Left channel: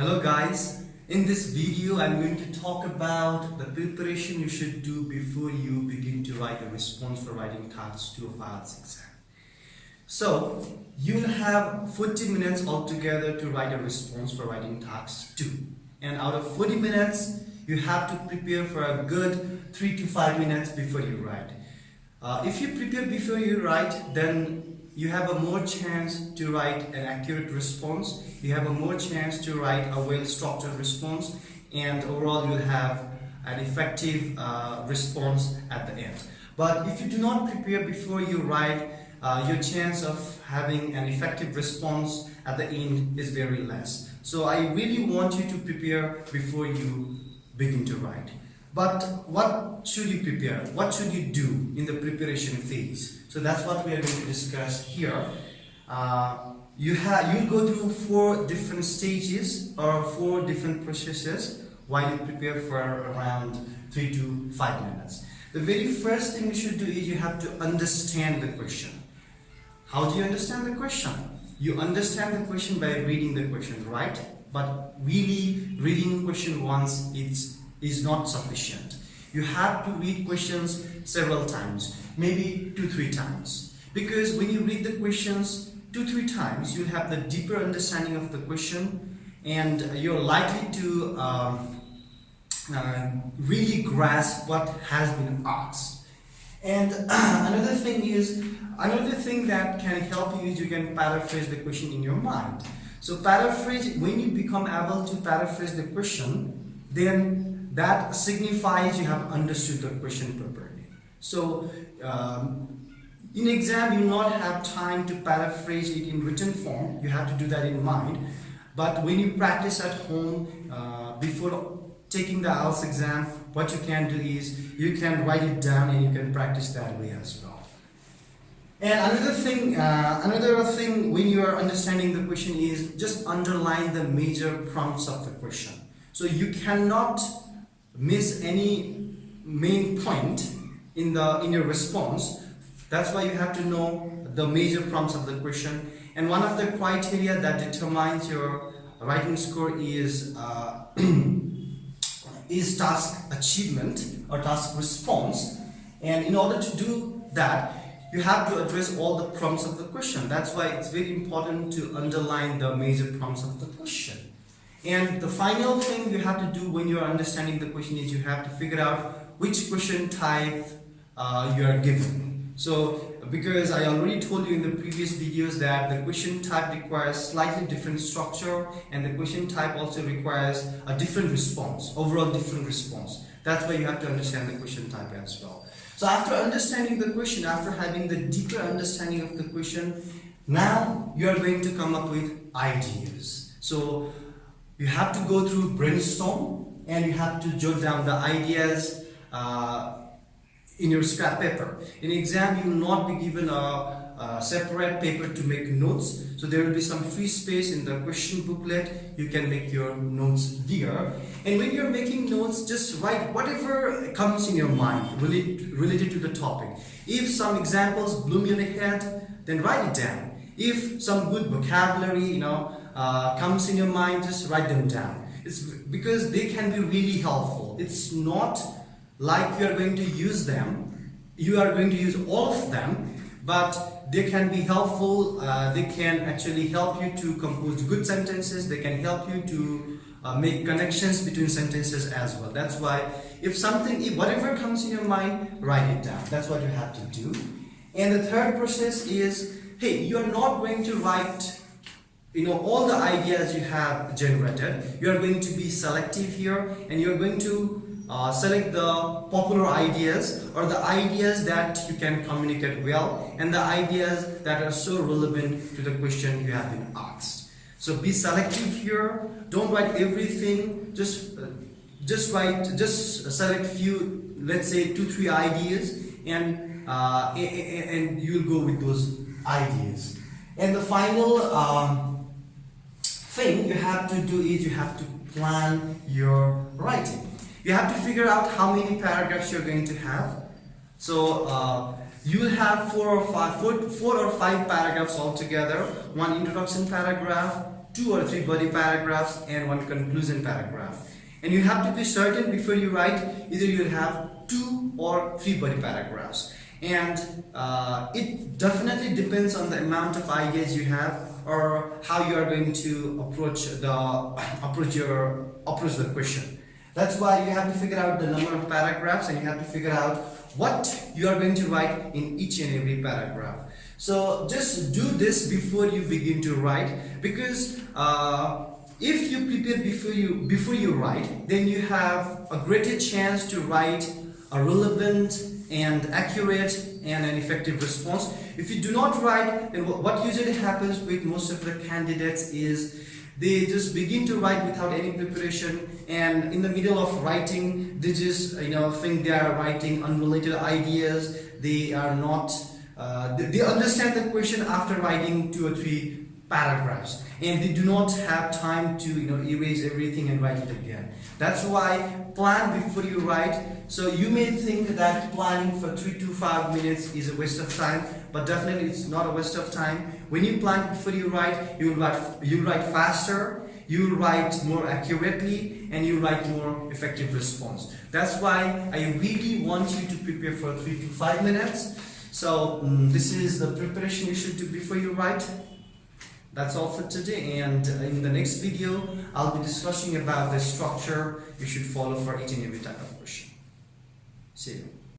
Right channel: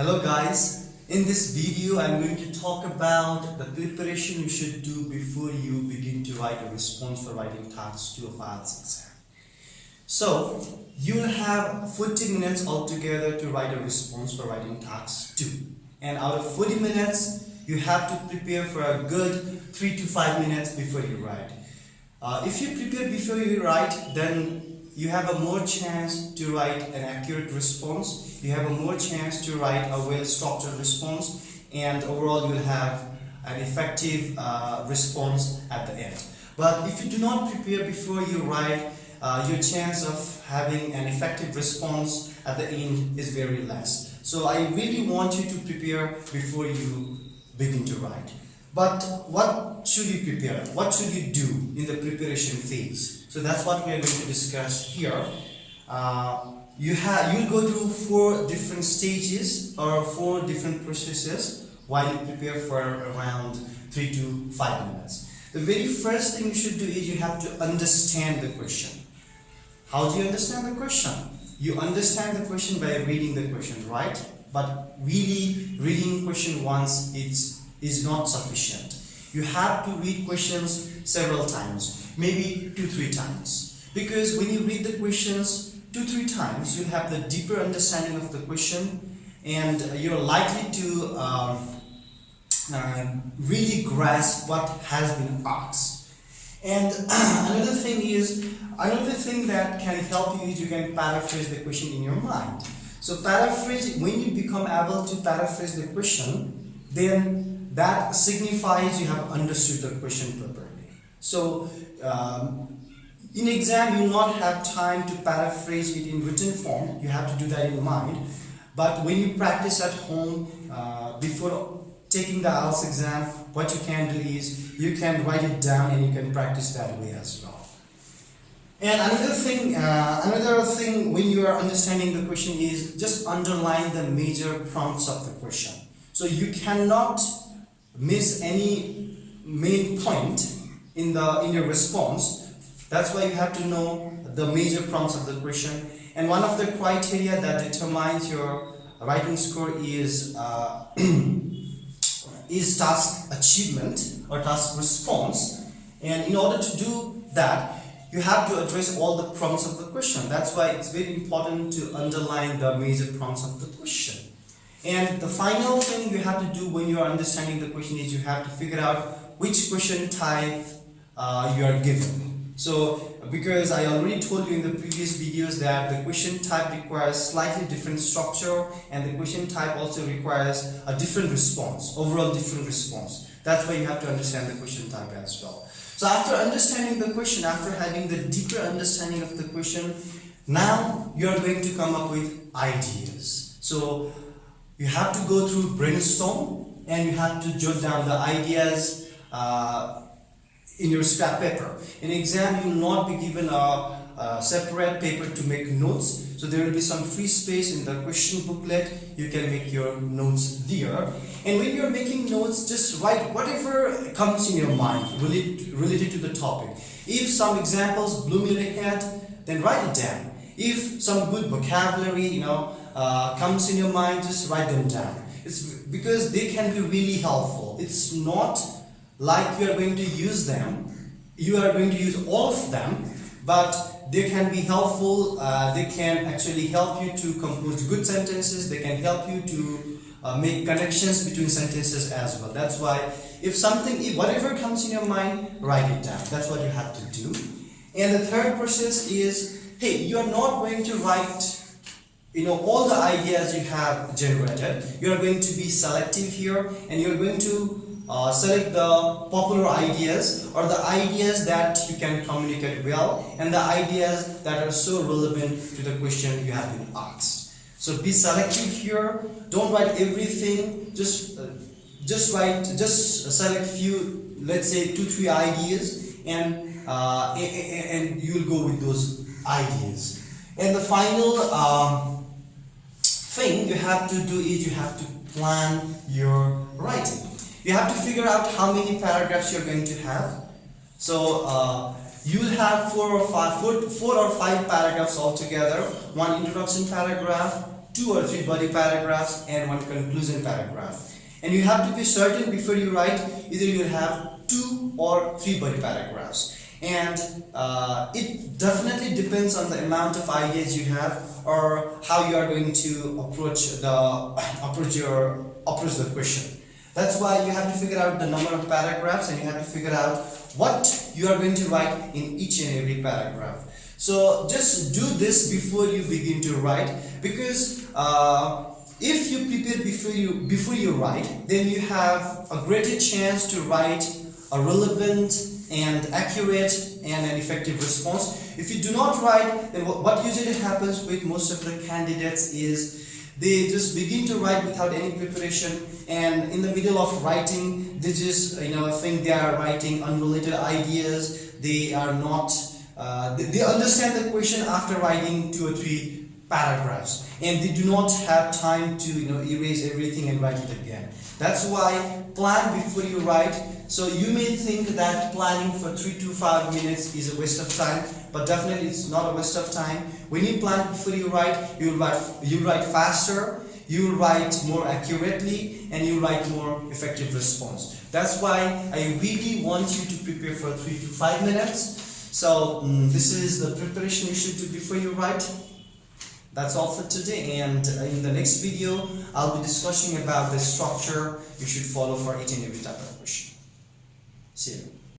Hello guys, in this video I'm going to talk about the preparation you should do before you begin to write a response for writing task 2 of IELTS exam. So you'll have 40 minutes altogether to write a response for writing task 2, and out of 40 minutes you have to prepare for a good 3 to 5 minutes before you write. If you prepare before you write, then you have a more chance to write an accurate response, you have a more chance to write a well-structured response, and overall you'll have an effective response at the end. But if you do not prepare before you write, your chance of having an effective response at the end is very less. So I really want you to prepare before you begin to write. But what should you prepare? What should you do in the preparation phase? So that's what we are going to discuss here. You'll go through 4 different stages or 4 different processes while you prepare for around 3 to 5 minutes. The very first thing you should do is you have to understand the question. How do you understand the question? You understand the question by reading the question, right? But really reading question once is not sufficient. You have to read questions several times, maybe 2-3 times, because when you read the questions 2-3 times, you'll have the deeper understanding of the question, and you're likely to really grasp what has been asked. And another thing that can help you is you can paraphrase the question in your mind. So paraphrase, when you become able to paraphrase the question, then that signifies you have understood the question properly. So in exam you will not have time to paraphrase it in written form, you have to do that in mind. But when you practice at home before taking the IELTS exam, what you can do is you can write it down and you can practice that way as well. And another thing when you are understanding the question is just underline the major prompts of the question. So you cannot miss any main point in your response. That's why you have to know the major prompts of the question. And one of the criteria that determines your writing score is task achievement or task response. And in order to do that, you have to address all the prompts of the question. That's why it's very important to underline the major prompts of the question. And the final thing you have to do when you are understanding the question is you have to figure out which question type you are given. So because I already told you in the previous videos that the question type requires slightly different structure, and the question type also requires a different response, overall different response. That's why you have to understand the question type as well. So after understanding the question, after having the deeper understanding of the question, now you are going to come up with ideas. So you have to go through brainstorm and you have to jot down the ideas in your scrap paper. In exam, you will not be given a separate paper to make notes. So there will be some free space in the question booklet. You can make your notes there. And when you're making notes, just write whatever comes in your mind related to the topic. If some examples bloom your head, then write it down. If some good vocabulary, comes in your mind, just write them down. It's because they can be really helpful. It's not like you are going to use them, you are going to use all of them, but they can be helpful. They can actually help you to compose good sentences. They can help you to make connections between sentences as well. That's why if whatever comes in your mind, write it down. That's what you have to do. And the third process is, hey, you are not going to write all the ideas you have generated. You are going to be selective here, and you are going to select the popular ideas, or the ideas that you can communicate well, and the ideas that are so relevant to the question you have been asked. So be selective here. Don't write everything. Just select few, let's say 2-3 ideas, and you'll go with those ideas. And the final thing you have to do is you have to plan your writing. You have to figure out how many paragraphs you're going to have. So you will have 4 or 5 paragraphs altogether. One introduction paragraph, 2 or 3 body paragraphs and 1 conclusion paragraph. And you have to be certain before you write, either you have 2 or 3 body paragraphs. And it definitely depends on the amount of ideas you have or how you are going to approach the question. That's why you have to figure out the number of paragraphs, and you have to figure out what you are going to write in each and every paragraph. So just do this before you begin to write, because if you prepare before you write, then you have a greater chance to write a relevant and accurate and an effective response. If you do not write, then what usually happens with most of the candidates is they just begin to write without any preparation, and in the middle of writing they just think they are writing unrelated ideas. They are not they understand the question after writing 2 or 3 paragraphs, and they do not have time to erase everything and write it again. That's why plan before you write. So you may think that planning for 3 to 5 minutes is a waste of time, but definitely it's not a waste of time. When you plan before you write, you write faster, you write more accurately, and you write more effective response. That's why I really want you to prepare for 3 to 5 minutes. So this is the preparation you should do before you write. That's all for today, and in the next video I'll be discussing about the structure you should follow for each and every type of question. See you.